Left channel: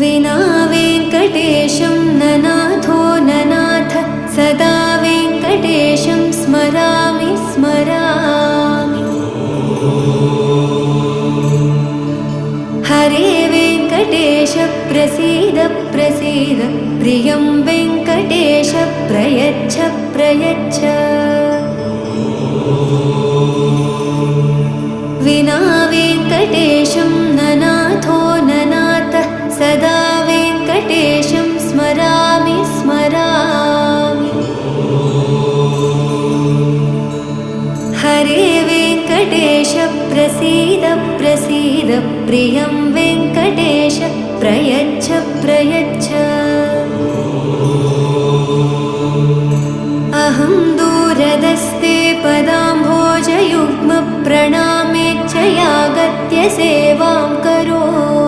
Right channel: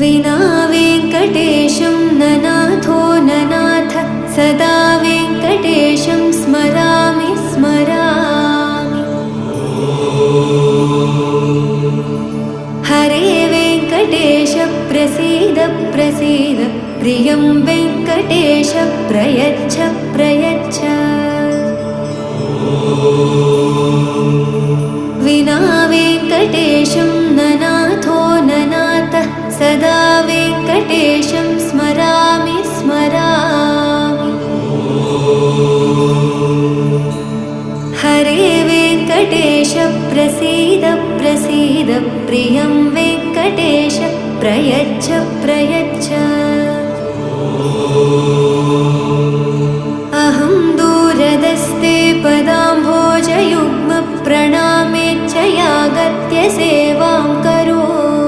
विना वेङ्कटेशं ननाथो ननाथ सदा वेङ्कटेशं स्मरामि स्मरामि। हरे वेङ्कटेश प्रसीद प्रसीद प्रियं वेङ्कटेश प्रयच्छ प्रयच्छ। विना वेङ्कटेशं ननाथो ननाथ सदा वेङ्कटेशं स्मरामि स्मरामि। हरे वेङ्कटेश प्रसीद प्रसीद प्रियं वेङ्कटेश प्रयच्छ प्रयच्छ। अहं दूरदस्ते पदाम्भोजयुग्म प्रणामेच्छयागत्य सेवां करोमि।